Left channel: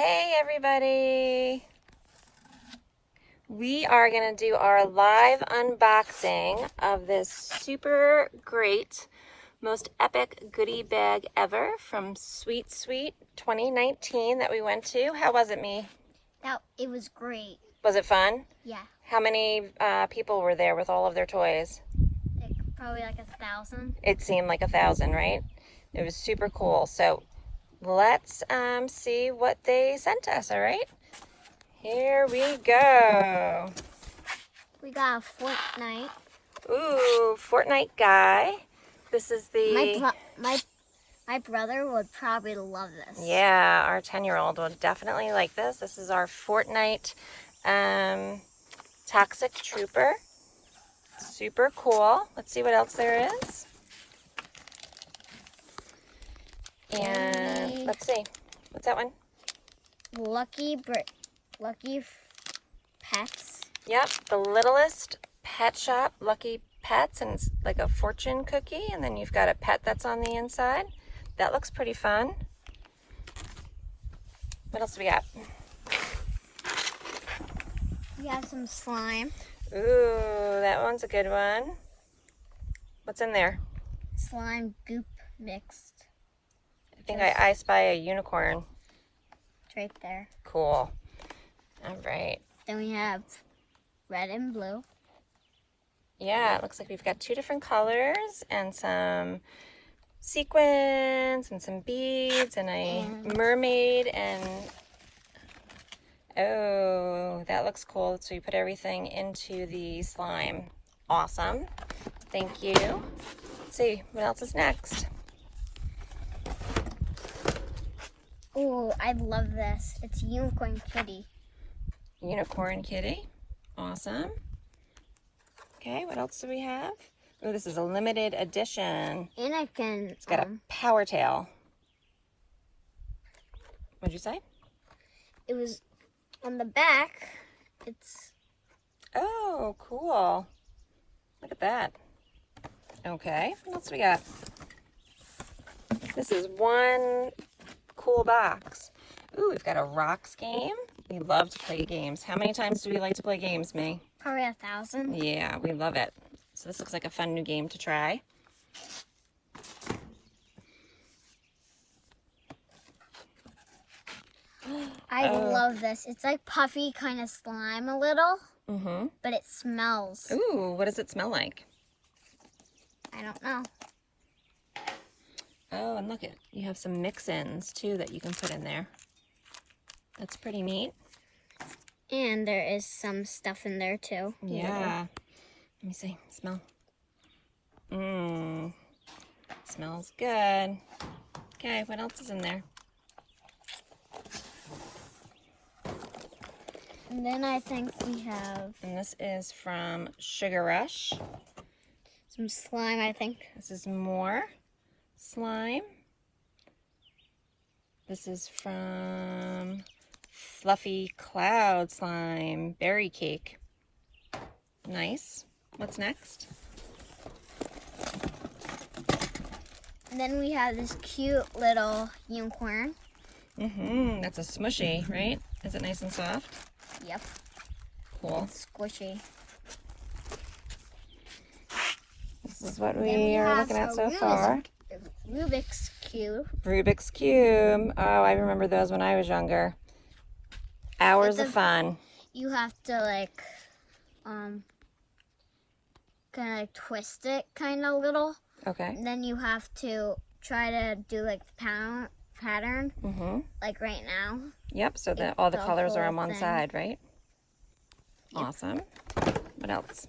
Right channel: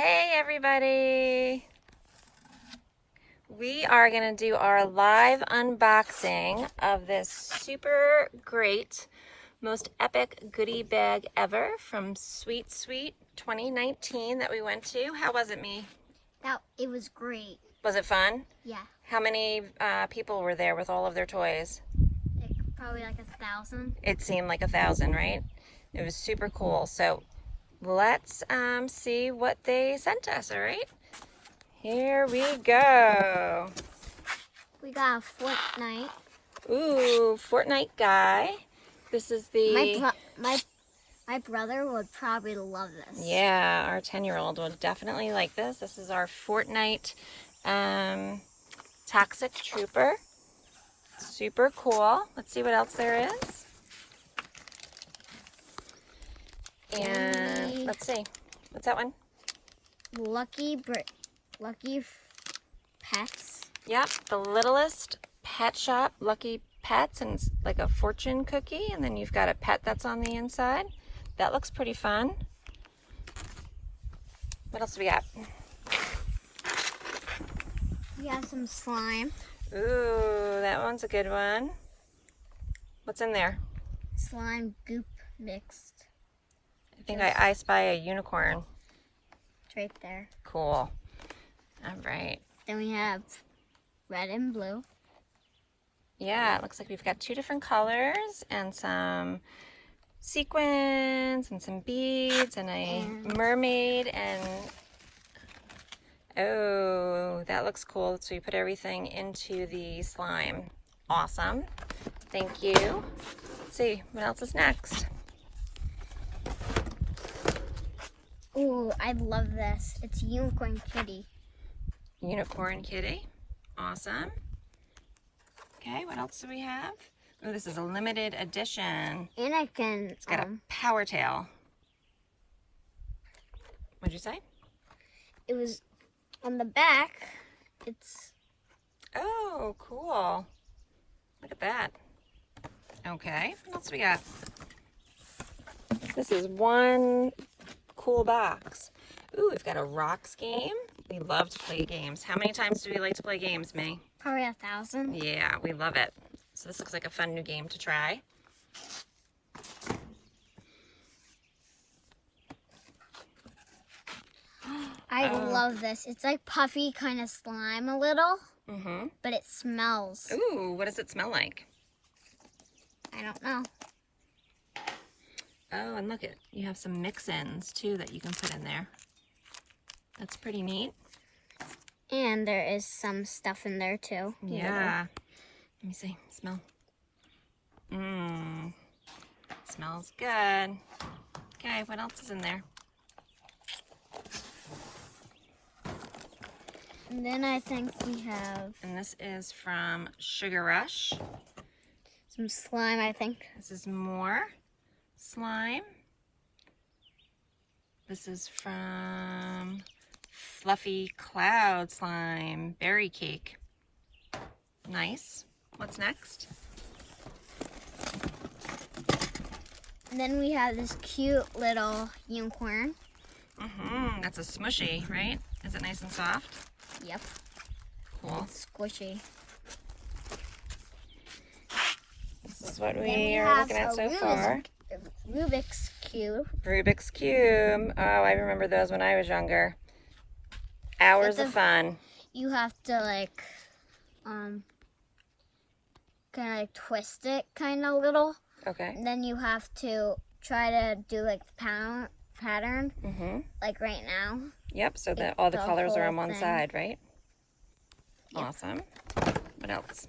Hey everybody! We are going to do our live unboxing of this super great, most epic goodie bag ever from Sweet Sweet 2019 that we went to. How was it, Me? It was great. Was it fun? Yeah. How many people were there with all of their toys? Probably like 1,000. It seemed like 1,000, right? It was super cool. So let's see what they sent us, all right? Here we go. We got a Fortnite. Ooh, Fortnite guy. This is the... My brother would probably love this. Yeah, our 10-year-old would definitely like this. This is our Fortnite Toxic Trooper. Super cool. Let's see what else there is. And let's see. What's that one? Lucky Pets. Yep, the littlest pet shop, Lucky Pets, and it's like a fortune cookie, and then you've got a pet that's on the inside. That looks pretty fun. What else do we got? We have some slime. Ooh, that one's a good one. What's in there? Slime goop mixed. I think I spy a unicorn. It's right there. Cool. All right. Then we have red and blue. Yeah, it looks like we've got 2 different colors and some sequins and some beads and a mermaid and oh, that looks cool. So you put everything into the slime. Awesome. Thank you. Let's see what else is next. Ooh, I love this. It's Unicorn Kitty. Unicorn Kitty. Awesome. Okay, what else do we have? Oh, this is a limited edition. And I can... It's got a power tail. What'd you say? It was on the back. It's... Oh, cool. Look at that. Okay, what else we got? This is one cool box. Ooh, we've got a rocks game. We love to play games. How many times do we like to play games, Me? Probably 1,000. Yeah, we love it. So this looks like a fun new game to try. I love this. It's like puffy kind of slime a little, but it smells. Ooh, what does it smell like? I don't know. Oh, and look, you have some mix-ins too that you can put in there. That's pretty neat. And there is some stuff in there too. Yeah. Let me see. Smell. Mmm. Smells good. Okay, what else is in there? And then I think we have... And this is from Sugar Rush. some slime, I think. This is more slime. This is from Fluffy Cloud Slime Berry Cake. Nice. What's next? And then we have this cute little unicorn. That's a smushy, right? Is it nice and soft? Yep. Cool. It's squishy. This is what we are looking at so far. Rubik's Cube. Rubik's Cube. Oh, I remember those when I was younger. Hours of fun. You have to like, kind of like twist it kind of little. Okay. And then you have to try to do like the pattern, like right now. Yep, so that all the colors are on one side, right? Yep. Awesome. What else?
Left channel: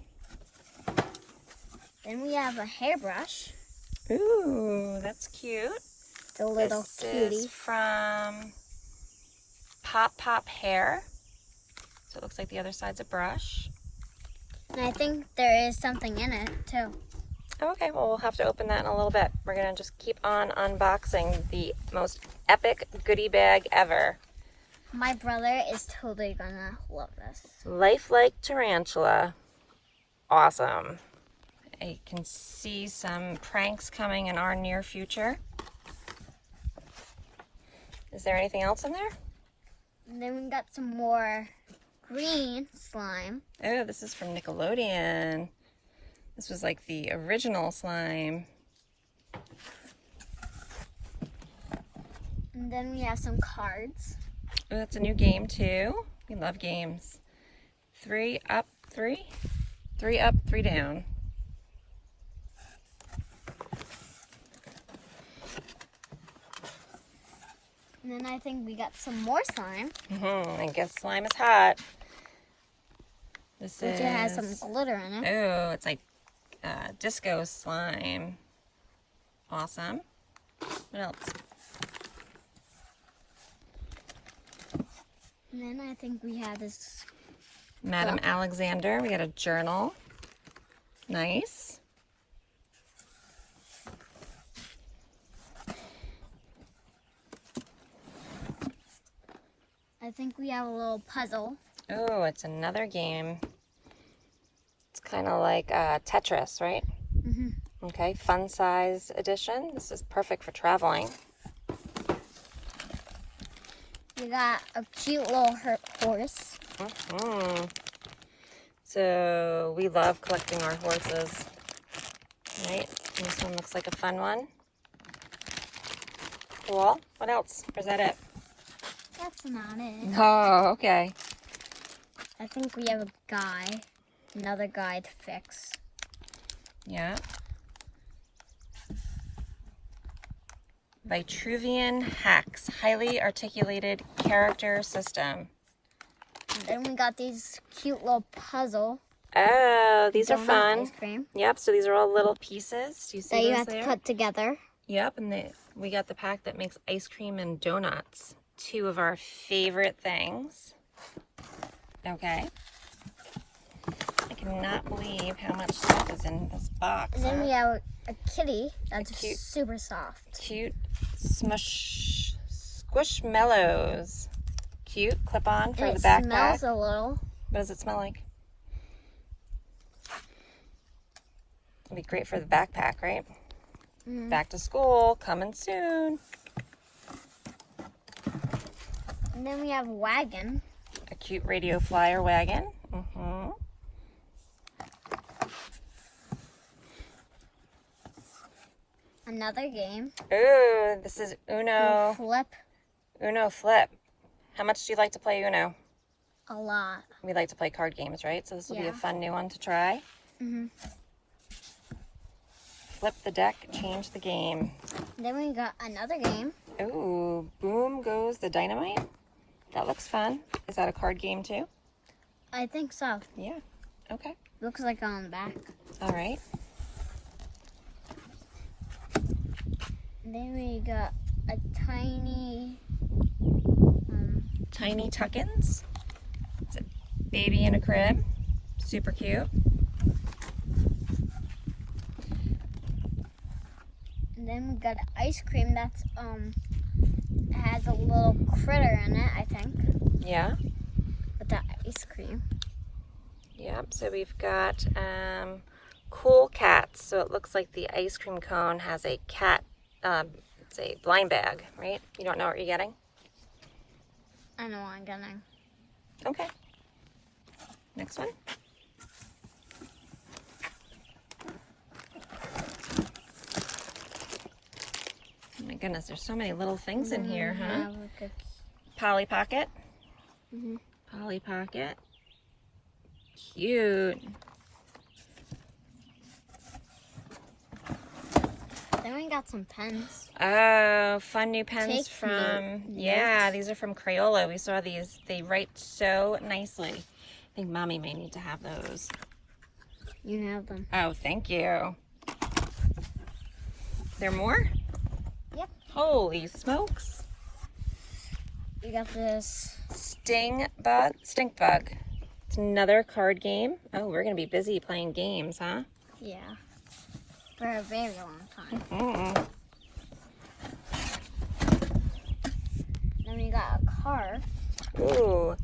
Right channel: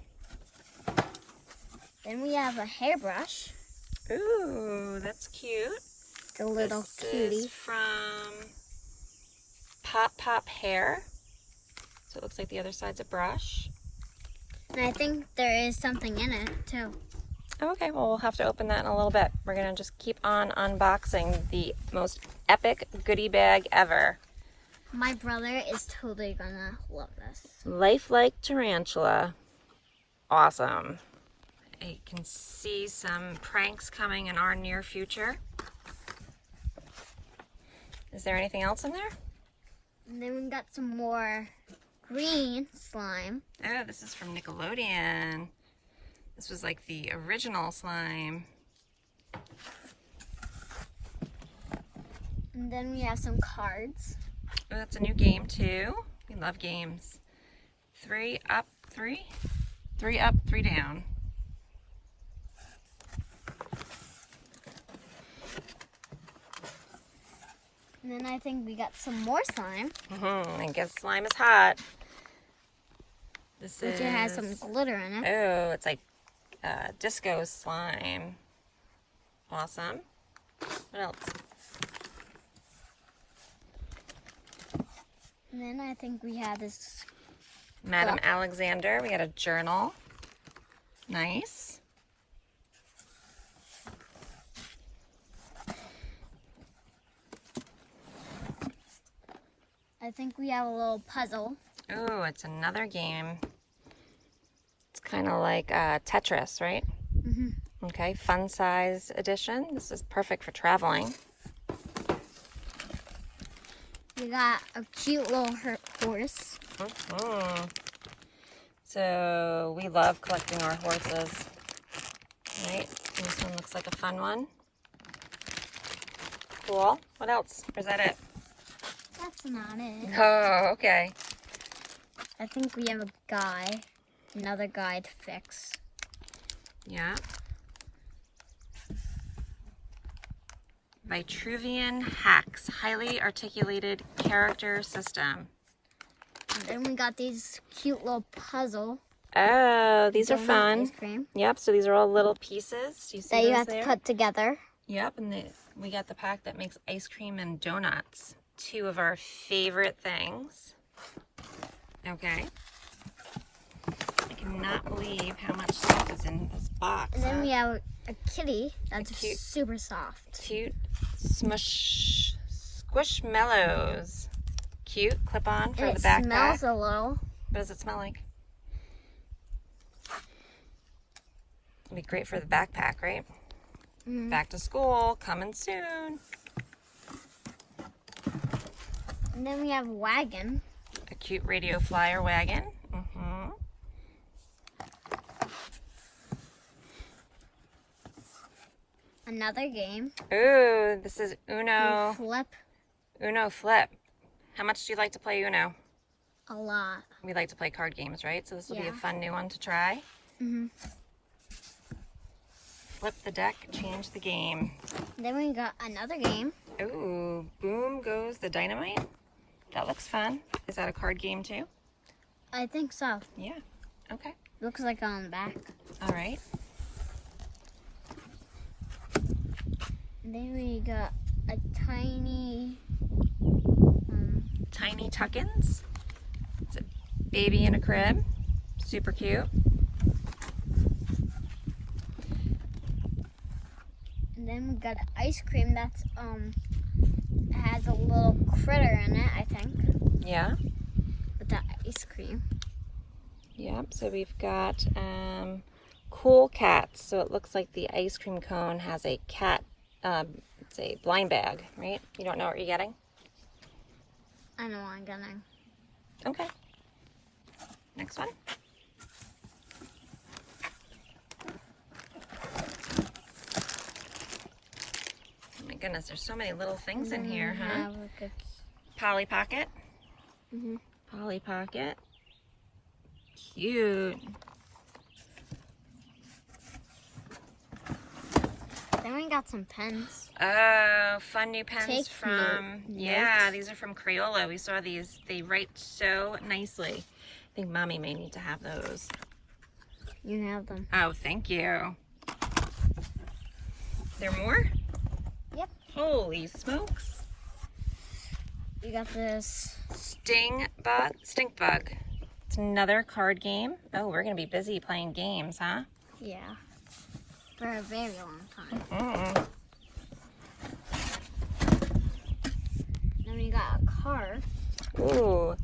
Then we have a hairbrush. Ooh, that's cute. It's a little cutie. This is from Pop Hair. So it looks like the other side's a brush. And I think there is something in it too. Okay, well, we'll have to open that in a little bit. We're going to just keep on unboxing the most epic goodie bag ever. My brother is totally gonna love this. Lifelike Tarantula. Awesome. I can see some pranks coming in our near future. Is there anything else in there? And then we got some more green slime. Oh, this is from Nickelodeon. This was like the original slime. And then we have some cards. Oh, that's a new game too. We love games. 3 up, 3? 3 up, 3 down. And then I think we got some more slime. I guess slime is hot. This Which is... it has some glitter in it. Oh, it's like disco slime. Awesome. What else? And then I think we have this. Madam Alexander. We got a journal. Nice. I think we have a little puzzle. Oh, it's another game. It's kind of like Tetris, right? Okay, fun size edition. This is perfect for traveling. We got a cute little horse. So we love collecting our horses, right? This one looks like a fun one. Cool. What else? Or is that it? That's not it. Oh, okay. I think we have a guy, another guy to fix. Yeah. Vitruvian Hacks, highly articulated character system. And then we got these cute little puzzle. Oh, these are donut fun. ice cream Yep, so these are all little pieces. Do you see that you those have there? to put together. Yep, and we got the pack that makes ice cream and donuts. 2 of our favorite things. Okay. I cannot believe how much stuff is in this box. And then huh? we have a kitty that's cute- super soft. Cute squishmallows. Cute clip-on for And the it backpack. smells a little. What does it smell like? It'd be great for the backpack, right? Back to school, coming soon. And then we have a wagon. A cute radio flyer wagon. Another game. Ooh, this is Uno. Flip Uno Flip. How much do you like to play Uno? a lot. We like to play card games, right? So this will be a Yeah. fun new one to try. Flip the deck, change the game. Then we got another game. Ooh, boom goes the dynamite. That looks fun. Is that a card game too? I think so. Yeah. Okay. Looks like on the back. All right. And then we got a tiny. Tiny tuck-ins. It's a baby in a crib. Super cute. And then we got ice cream that's has a little critter in it, I think. Yeah. With the ice cream. Yep. So we've got cool cats. So it looks like the ice cream cone has a cat. It's a blind bag, right? You don't know what you're getting. I know what I'm getting. Okay. Next one. Oh my goodness, there's so many little things in here, huh? Have like a, Polly Pocket. Mhm. Polly Pocket. Cute. Then we got some pens. Oh, fun new pens Take from, note. yeah, these are from Crayola. We saw these. They write so nicely. I think Mommy may need to have those. You have them. Oh, thank you. There more? Yep. Holy smokes. We got this. Stink bug. It's another card game. Oh, we're going to be busy playing games, huh? Yeah. For a very long time. Then we got a car. Ooh.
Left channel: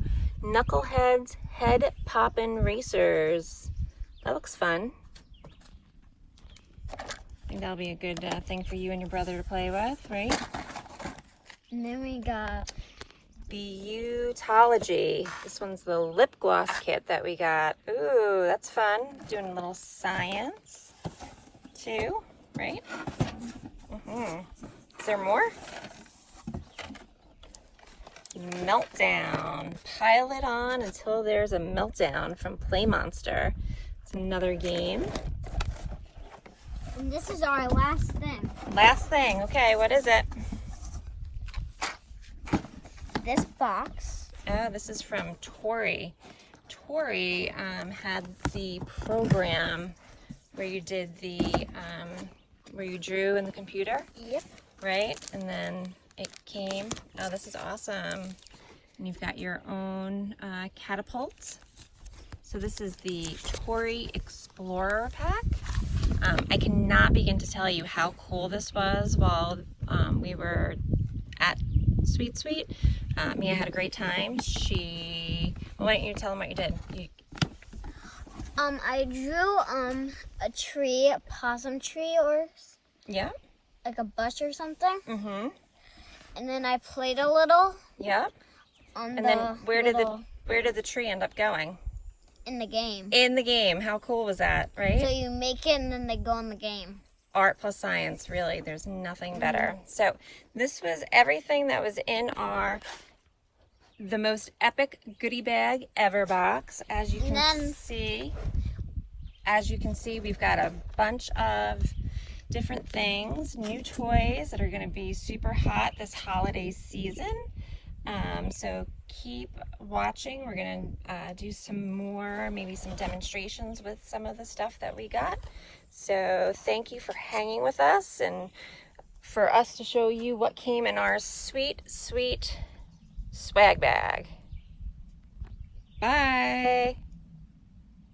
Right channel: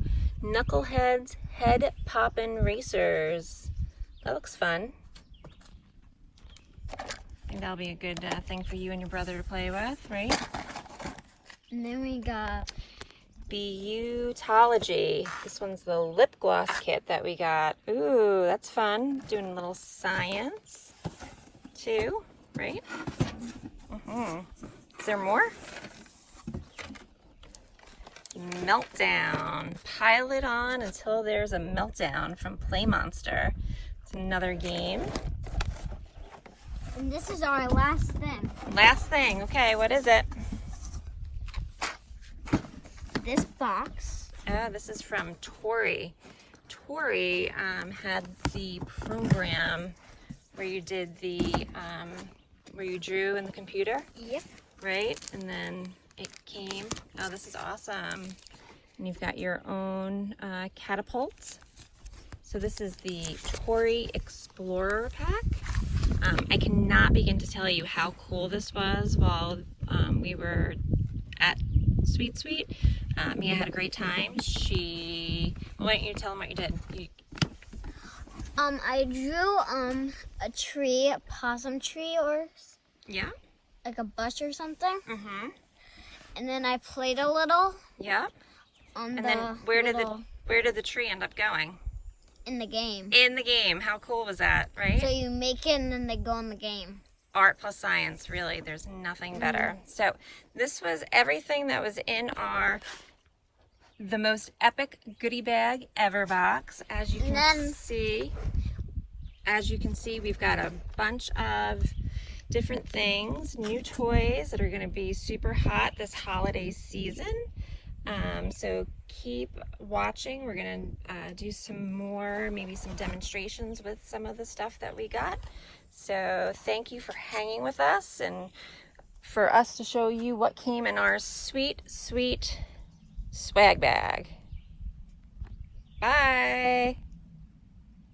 Knuckleheads Head Poppin' Racers. That looks fun. I think that'll be a good thing for you and your brother to play with, right? And then we got Beautology. This one's the lip gloss kit that we got. Ooh, that's fun. Doing a little science too, right? Is there more? Meltdown. Pile it on until there's a meltdown from Play Monster. It's another game. And this is our last thing. Last thing. Okay, what is it? This box. Oh, this is from Tori. Tori had the program where you did the, where you drew in the computer, Yep. right? And then it came, oh, this is awesome. And you've got your own catapult. So this is the Tori Explorer pack. I cannot begin to tell you how cool this was while we were at Sweet Sweet. Mia had a great time. Why don't you tell them what you did? I drew a tree, a possum tree, or Yeah. like a bush or something. Mm-hmm. And then I played a little Yeah. on And the then where little did the tree end up going? in the game. In the game. How cool was that, right? So you make it and then they go in the game. Art plus science, really. There's nothing better. So this was everything that was in our the most epic goodie bag ever box. As you can see, we've got a bunch of different things, new toys that are going to be super hot this holiday season. So keep watching. We're going to do some more, maybe some demonstrations with some of the stuff that we got. So thank you for hanging with us and for us to show you what came in our sweet, sweet swag bag.